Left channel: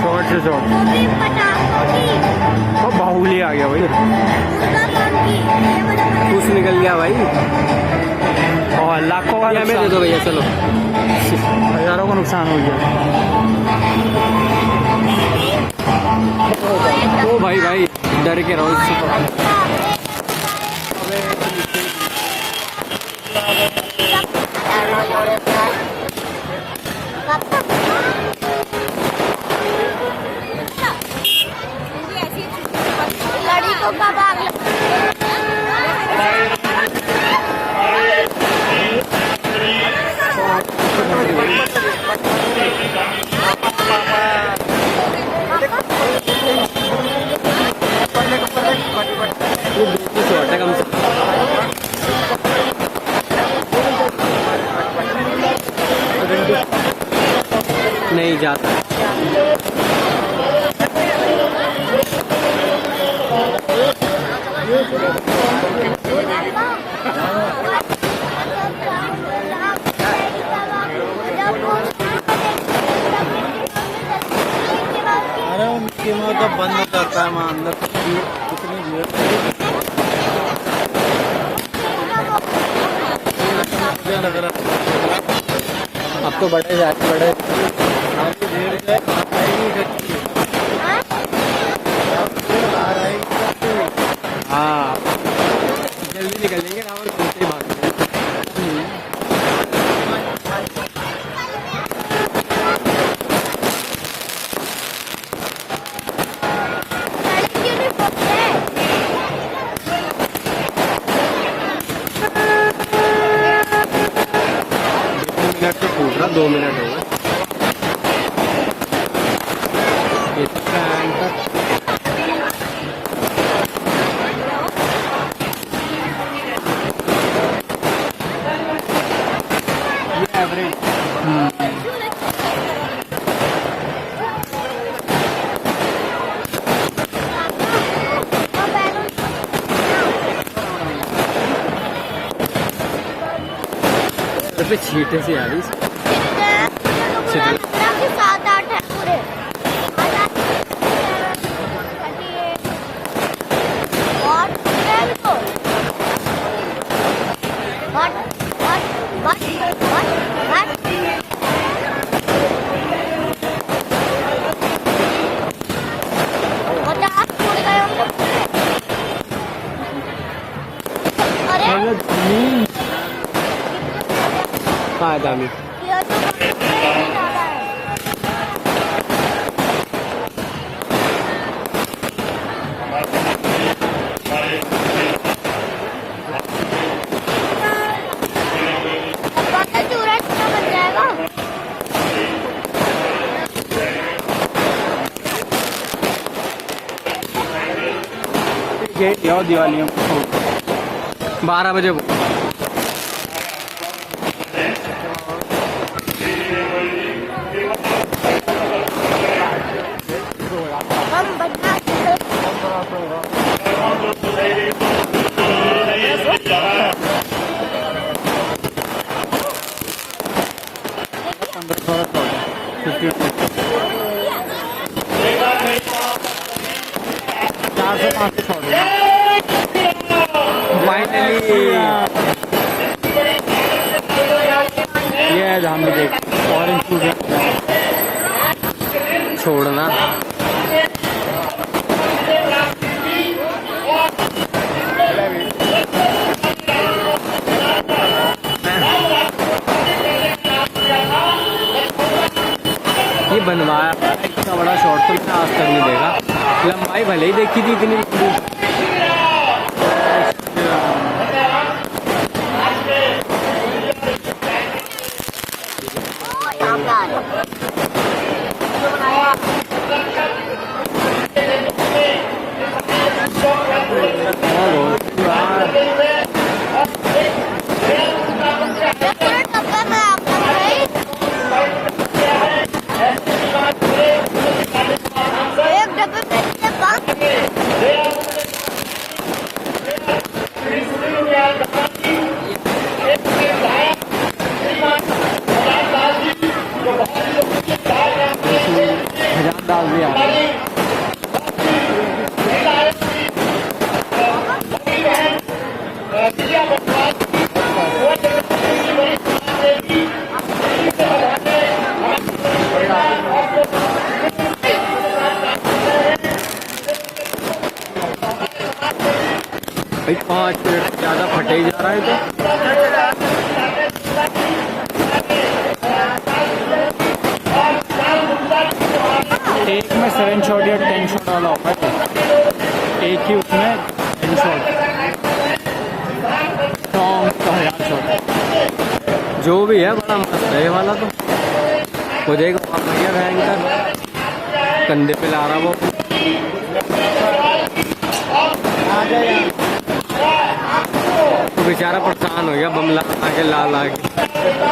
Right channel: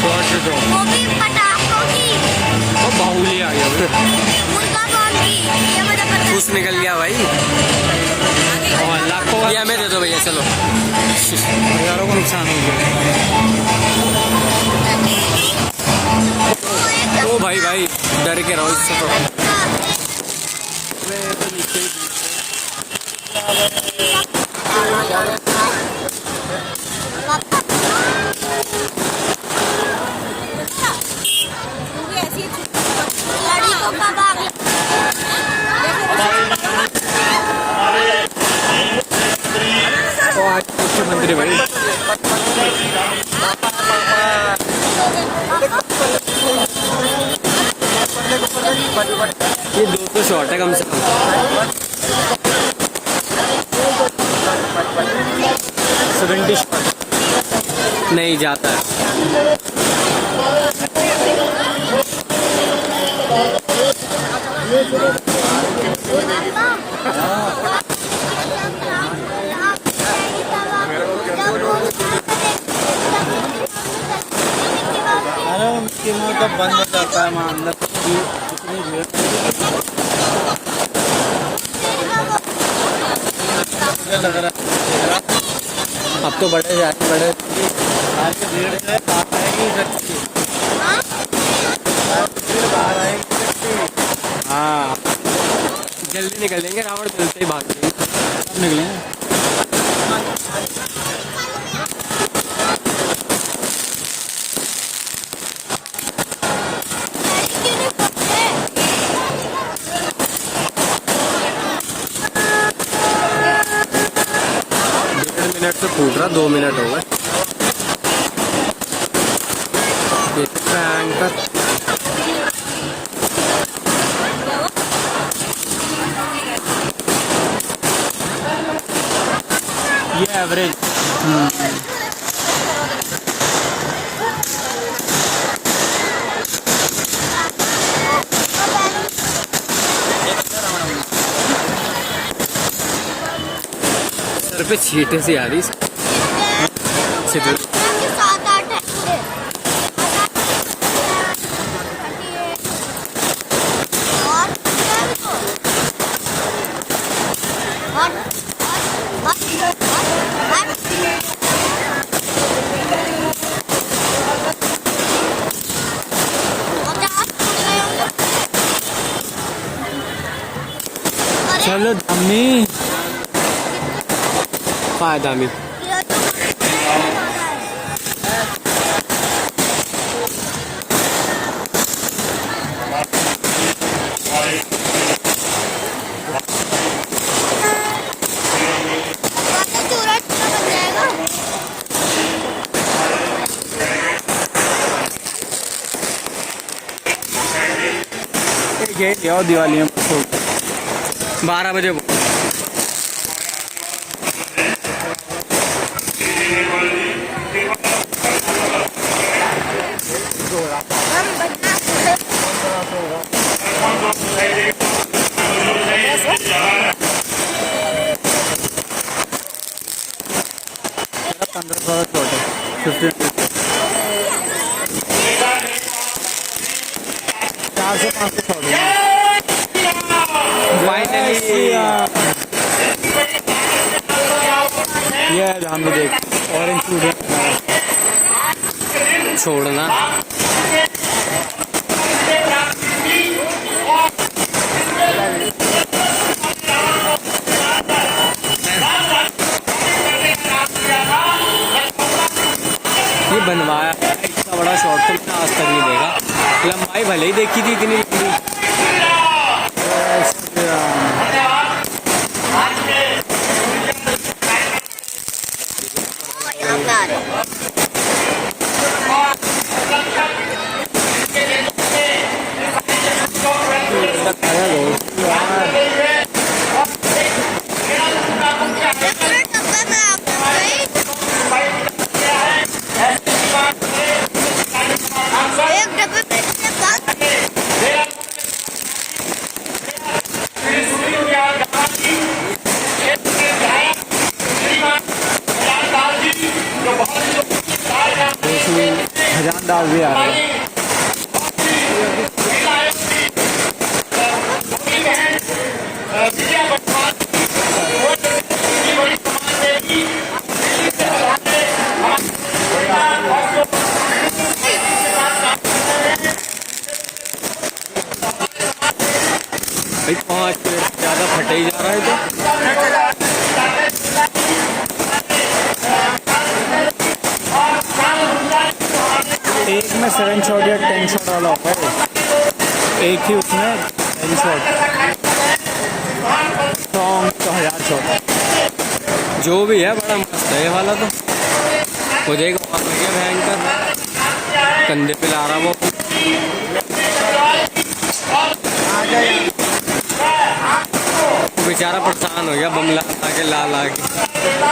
सोच तो बाहुली आ गया फूस निकल गया भाई। और लाखों का ये हमें दे दो भैया, चलो। हजारों का नुकसान हो गया। ओ भाई भाई, डर के रहो इससे तो। कम से नहीं जाता। अरे उनके में तो बंद हो जाता है वहाँ अंदर कितनी भीड़। अब तो बड़े जाते बड़े आगे भीड़ है, बाहर आएगी बाहर आएगी। हाँ, जल्दी निकलेंगे, रावण तुमसे ही भाग निकलेंगे। मिनट से फूट रहा, 2 मिनट हो गए। ये एवरेज सर पे छींटे सी आ रही चलो नहीं फायदा नहीं। ये दिवाली में 12 बजे फाइनली ये है जहाँ मुझे ऑरेंज फ्रूट छोड़ना। ये बनवाया इतना बड़ा शॉट तो मैंने आज तक नहीं देखा। लंबाई भले ही देखी थी इतनी लंबी। जान भी आ रहा है। भाई 5 मिनट से ज़्यादा फटे ही जा रहा है तो। एक में 7 शॉट या 10 शॉट वाला होगा ये। एक ही उसमें 10 शॉट, सॉन्ग तो 1000 शॉट। जो भी है बड़ा मस्त है ये वाला तो। वो देखो वहाँ पर गया भयंकर, कंधे पे ला रहा वो। वो बेचारा परेशान हो गया बम ला के ला के।